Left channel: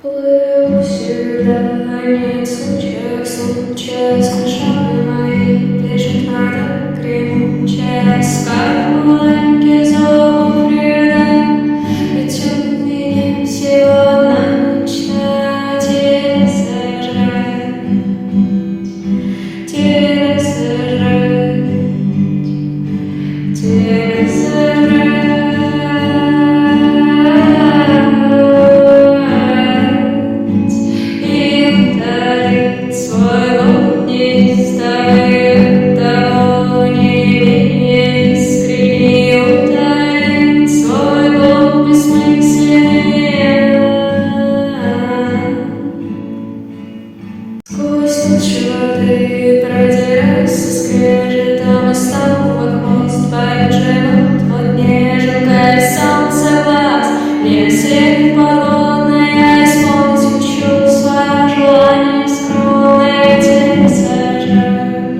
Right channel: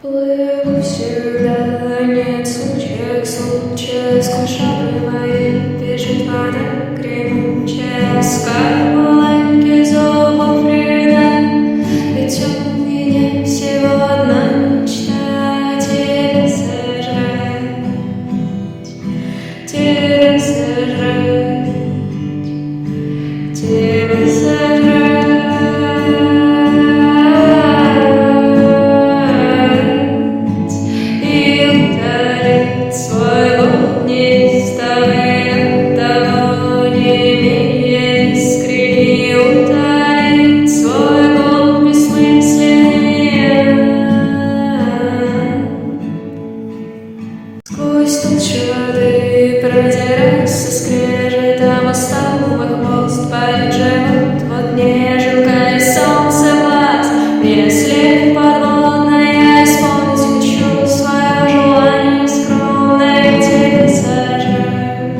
Плыву всегда, нет случаев, смешали мои, бежит вода гремучая, скорлупки зовут вреда, ведь у меня всего одна мечта — тебя сожрать, тебя сожрать, тебя сожрать. Сквозь тучи воды продирается скрежетом остовов хвост, поет живот во дне, желтое солнце глаз. Если не подводный, я исполнить хочу свое желание скромное, тебя сожрать.